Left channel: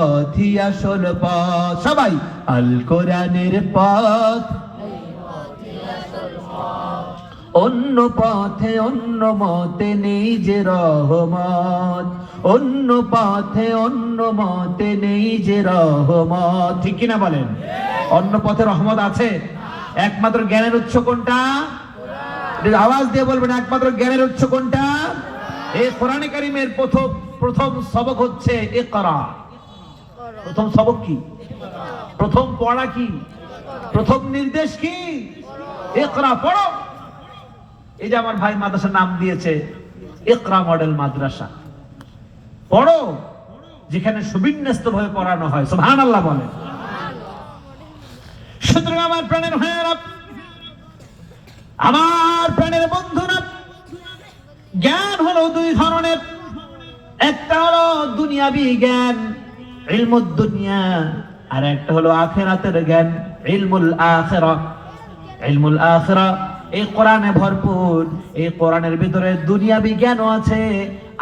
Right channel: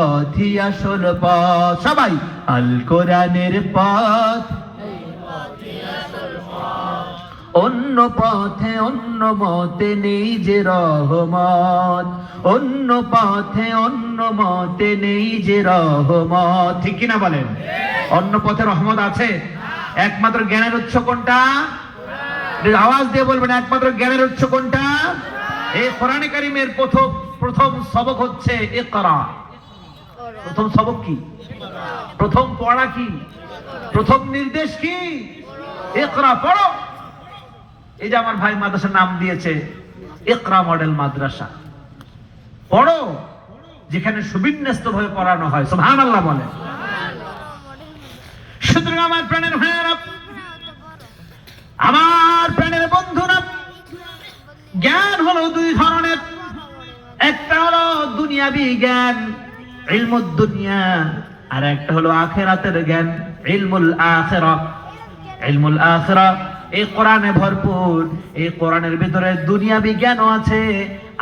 পথই আসল পথ। সবাই, আল কোরআনের পথ। অন্য পথে অন্য মতে নেই যে রহমত। অন্য পথে অন্য মতে নেই যে রহমত। ঠিক কিনা বলেন? অন্য পথে রহমত আছে? একমাত্র জ্ঞানের উৎস কোনটা? আওয়াজ দিয়ে বলবেন, একমাত্র জ্ঞানের উৎস কোনটা? এই কোরআনে কারিমের প্রথম প্রথম সবক হচ্ছে ইকরা। প্রথম সবক কি? প্রথম পড়া কি? প্রথম নির্দেশ কি? ইকরা পড়ো। এই যে আমার ভাই মাদ্রাসার নাম দিয়েছে, ইকরা মডেল মাদ্রাসা। পড়ো, যেখানে সুবিন্যস্ত ভাবে পড়ানো হয়। সুবহানাল্লাহ বলে সুতরাং আমার প্রাণের ভাইয়েরা, আমার প্রাণের বন্ধুরা, জ্ঞান হলো দুই ধরনের। একটা হলো দুনিয়াবি জ্ঞান ইলমুদ দুনিয়া আর একটা হলো আখেরাতের জ্ঞান, ইলমুল আখেরা। ইলমুল আখেরা, এই কোরআনে ভরপুর, এই কোরআনের ভিতরে দুনিয়াবি জ্ঞানও আছে,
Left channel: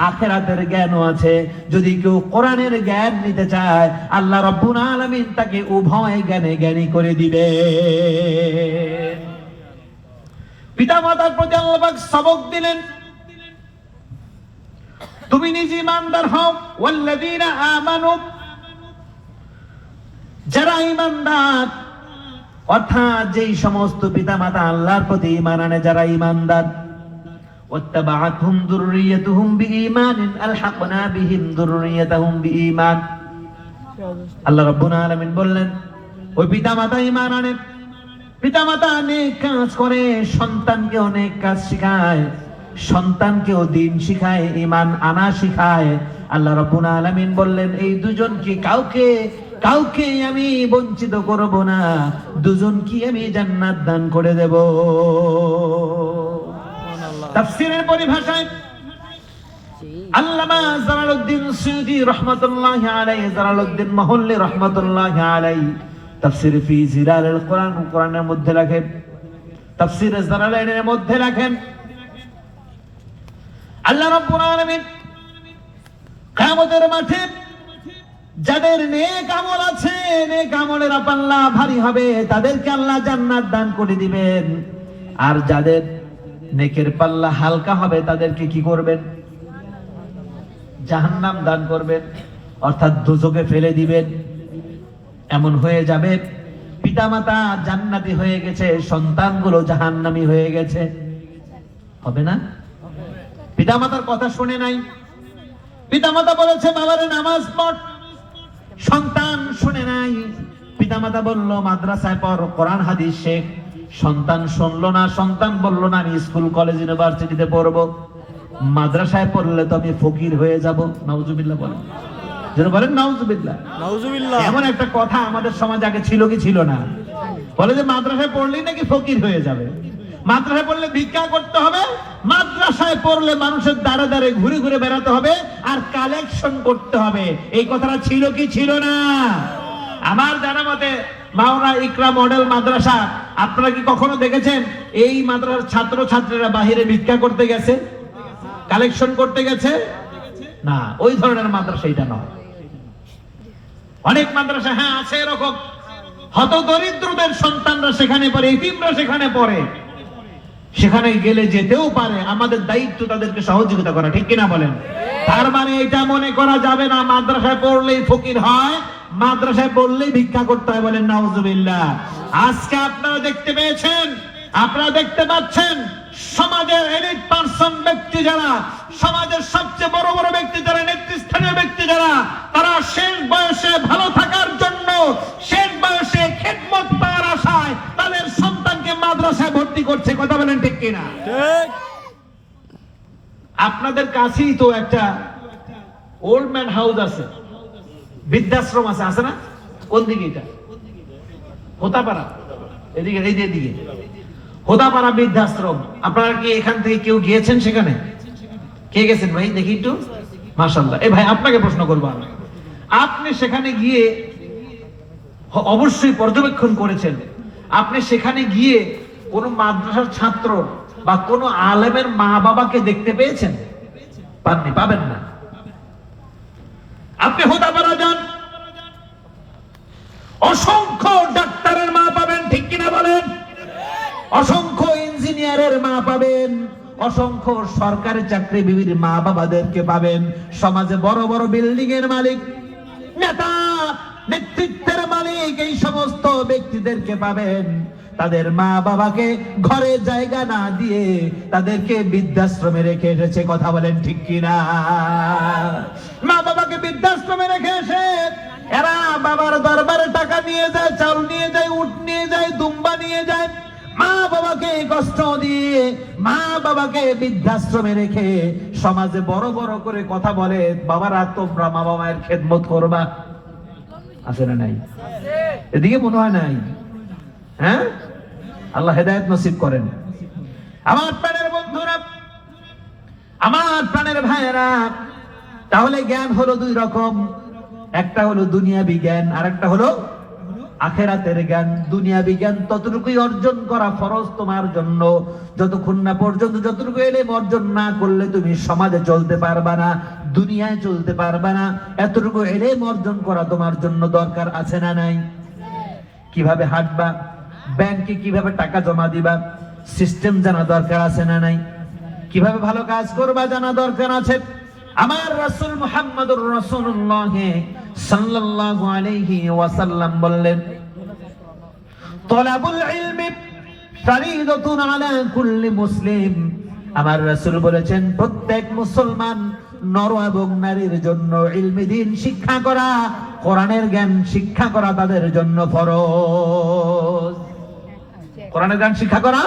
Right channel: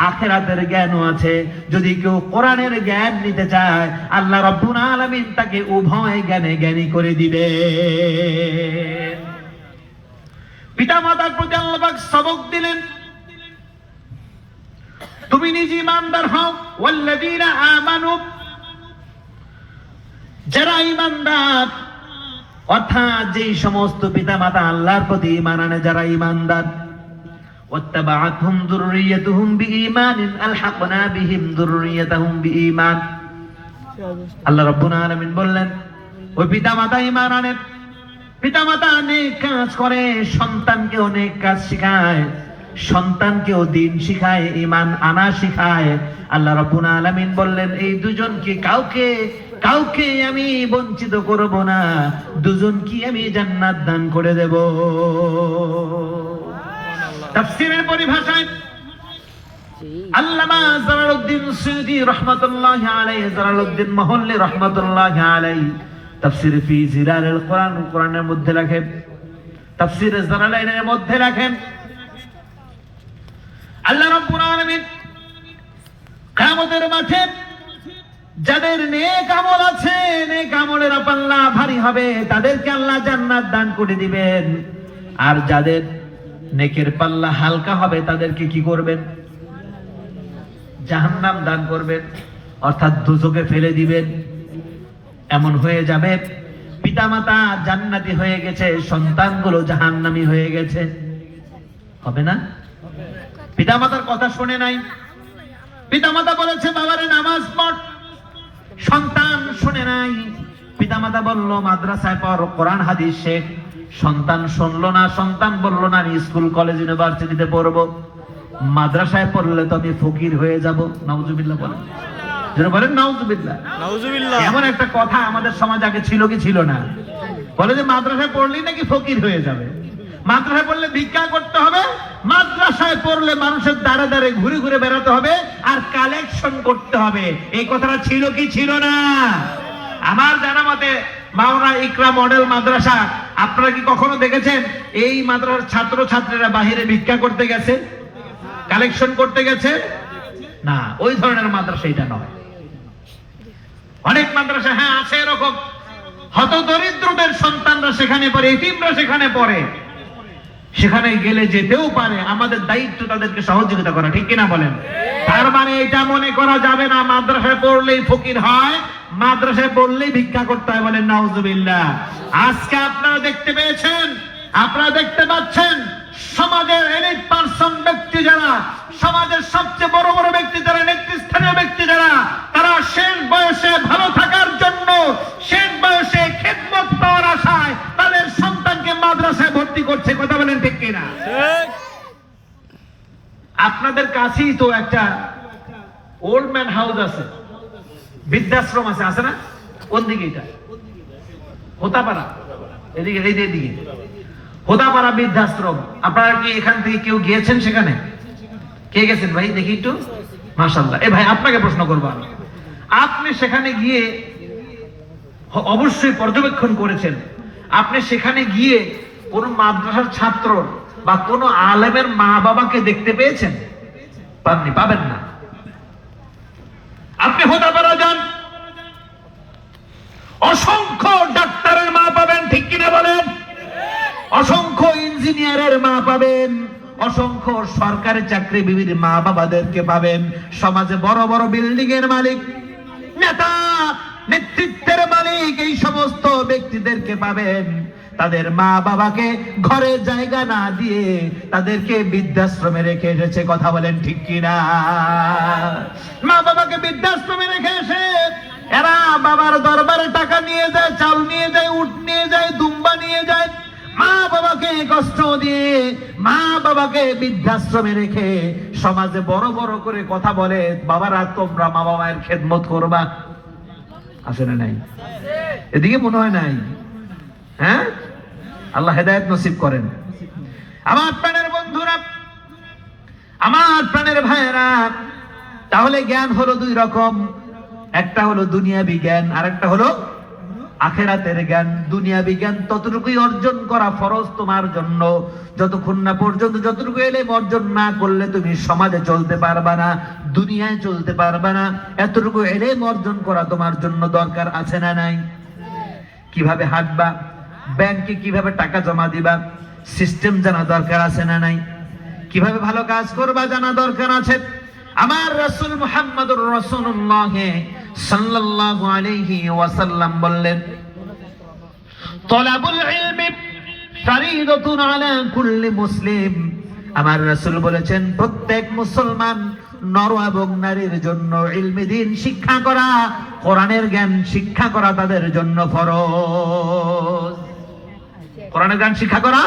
আখেরাতের জ্ঞানও আছে। যদি কেউ কোরআনের জ্ঞান নিতে চায়, আল্লাহ রাব্বুল আলামিন তাকে উভয় জ্ঞানে জ্ঞানী করে দিবে। পিতা মাতার প্রতি আল্লাহ সবক দিলেন। তুমি নিজে ইমানদার হও। ওয়াল্লাযীনা আমানু যারা ইমানদার, অর্থাৎ যেই সমস্ত পিতা মাতা আল্লাহর প্রতি ইমান আনে, যারা ইমানদার ওয়াত্তাবাআতহুম যুররিয়াতুহুম বিঈমানিন, আলহাকনা বিহিম যুররিয়াতাহুম বিঈমান। আল্লাহ রাব্বুল আলামিন বললেন, ওই পিতা মাতা ঈমান আনে পিতা মাতা অনেক কাজ করে সন্তানকে অনেক কাজ শিখায়, সন্তানকেও দিন শিখায় ইমান আনা শিখায়। আল্লাহ রাব্বুল আলামিন বললেন, এই দুজনকে কাউকে কাউকে আমি বঞ্চিত করব না দুজনকে আমি জান্নাত দান করে দেব। তাফসীরের পরিভাষায় আল্লামা জালালউদ্দিন সুয়ুতি রাহমাতুল্লাহি আলাইহি জালালউদ্দিন মহল্লি রাহমাতুল্লাহি আলাইহি তাফসীর ফি জিলালিল কোরআন কোরআনের মধ্যে লেখেন। তাফসীর জালালাইনের মধ্যে লেখেন আল্লাহ রাব্বুল আলামিন কিয়ামতের মাঠে যাদের নেক আমল আছে, নেক আমলের পাল্লা ভারী হবে, তাদেরকে আল্লাহ জান্নাত দান করে দিবেন। আর যাদের নেকের পাল্লা হালকা হবে, তাদেরকে কি করবেন? জাহান্নাম দান করবেন, অর্থাৎ দুচোখে ফেলে দিবেন। এমন হয়ে যাবে, পিতামাতা জান্নাতি হয়ে গেছে, সন্তানগুলো জাহান্নামী হয়ে গেছে। হবে না? পিতামাতার কথা শুনে নাই। পিতামাতা বলেছে, বাবারে, নামাজ পড়। সন্তান শুনে নাই। পিতামাতা বলল মাদ্রাসায় পড় কোরআন হাদিস শেখ। সন্তান শুনলো না সন্তান বলল না আমি স্কুল কলেজ ইউনিভার্সিটিতে পড়ব। মাদ্রাসায় পড়লে তো আমি ফকির হয়ে যাব। নাউজুবিল্লাহ বলেন। যেন বলেন নাউজুবিল্লাহ। নাউজুবিল্লাহ। এমন একটা কথা আমাদের সমাজ আগে ছিল কি ছিল না? বলে যে মাদ্রাসায় পড়লেই নাকি ফকির হয়ে যাবে? মাদ্রাসায় পড়লে ভিক্ষা করতে হবে মাদ্রাসায় পড়লে মানুষের দাঁড়ে দাঁড়ে ঘুরে ঘুরে বেড়াতে হবে আর কালেকশন করতে হবে। এই কথাটা ছিল কি ছিল না? আমার জানা মতে মাওনা ইকরা মডেল মাদ্রাসা, আপনারা কি কখনো দেখেছেন? এই মাদ্রাসার ছাত্র ছাত্রীরা বাহিরে ভিক্ষা করতে গেছে কালেকশন করতে গেছে? না, ওই ধরনের মাদ্রাসা এটা নয়। অনেক মাদ্রাসা হ্যাঁ আছে এরকম। হত দরিদ্রদের সন্তানরা সেখানে পড়ে এতিমরা সেখানে পড়ে। সেখানে গেলে যেতেও পারে, আমাদের দায়িত্ব তাদেরকে সহযোগিতা করা, ঠিক কিনা বলেন? তার মানে এটা মনে করা যাবে না, মাদ্রাসায় পড়লেই ফকির হয়, মাদ্রাসায় পড়লেই ভিক্ষা করতে হয় বলেন, নাউজুবিল্লাহ। আজকে আপনারা দেখতে পেয়েছেন, আপনারা দেখতে পাচ্ছেন, সমাজের এলিট পার্সন ব্যক্তি যারা, সমাজের সবচেয়ে বড় বড় ব্যক্তি যারা, নেতৃস্থানীয় ব্যক্তি যারা, তারা শেষ বয়সে ভালো থাকার জন্য, শেষ বয়সে আপনাদের কাছেই তো একটা ওল্ড ম্যান হাউস আছে, বৃদ্ধাশ্রম আছে আছে না? কোন দিকে এটা? হোতাপাড়া। এদিকে দিকে হোতাপাড়া বৃদ্ধাশ্রম। আপনারা কি এখান থেকে কেউ গিয়েছেন সেখানে? কে গেছেন ভাই? দেখি একটু। মাশাল্লাহ এ ভাই, আপনাকে প্রশ্ন করব আমি। আপনি সেখানে গিয়ে অবশ্যই পর্যবেক্ষণ করেছেন। আপনি সেখানে গিয়ে কোন মাদ্রাসার ছাত্র বা কোন আলেমের মা বাবাকে দেখতে পেয়েছেন? পাননি, পাবেন না। আপনি হোতাপাড়া যান। অসংখ্য ডাক্তারের মা পাবেন, ঠিক কিনা বলেন? অসংখ্য ইঞ্জিনিয়ারের মা পাবেন, অসংখ্য সরকারি চাকরিজীবীর মা বাবাদেরকে পাবেন। সমাজে বড় বড় বিল্ডিং এর মালিক, নেতা, নেতৃত্বের মালিক, এই সমস্ত ব্যক্তিদেরকে পাবেন। তাদের মা বাবাকে ঘরে জায়গা না দিয়ে তাদেরকে বৃদ্ধাশ্রমে রেখে এসেছে, কথা বলেন ঠিক কিনা? মা বাবাকে বৃদ্ধাশ্রমে রেখে এসে এরা বাবার দরবারে টাকা নিয়ে যায়, চাল নিয়ে যায়, উট নিয়ে যায়, দুম্বা নিয়ে যায়। মা বাবাকে কষ্ট দিয়ে মা বাবাকে বৃদ্ধাশ্রমে রেখে সমাজে বড় বড় করে কথা বলে, বাবারা, তোমরা মা বাবার খেদমত করবা। আসে না নাই? এদিকে মনে হয় নাই? হ্যাঁ? আল্লাহ হেদায়ত নসিব করেন। আমার প্রাণের বন্ধুরা, আমার প্রাণের ভাইয়েরা, তাহলে জ্ঞান হলো দুই রকম। একটা হলো দুনিয়াবি জ্ঞান আর একটা হলো আখেরাতের জ্ঞান। দুনিয়া বিজ্ঞান ততটুকুই অর্জন করা ফরজ তোমার জন্য। যতক্ষণ না পর্যন্ত, যতটুকু এলে অর্জন না করলে তুমি সমাজে চলতে পারবা না, দুনিয়ায় চলতে পারবা না। এতটুকু এলে অর্জন করা তোমার জন্য দরকার আছে না নাই? কীভাবে হাঁটবা? ব্যাংকে কীভাবে টাকা জমা দিবা? সিস্টেম জানা দরকার আছে না নাই? কীভাবে ভালো কাজ করবা জানা দরকার আছে? আমার রাসূল মুহাম্মদুর রাসূলুল্লাহ সাল্লাল্লাহু আলাইহি ওয়াসাল্লাম বললেন, তলাবুল ইলমি ফরিদাতুন আলা কুল্লি মুসলিম। আমার রাসূল বলেছেন, প্রত্যেক মুসলমান নর এবং নারীর জন্য ইলমি দিন শিক্ষা করা, কোরআনের জ্ঞান শিক্ষা করা তাদের জন্য ফরজ। কোরআনের গান শিক্ষা করা?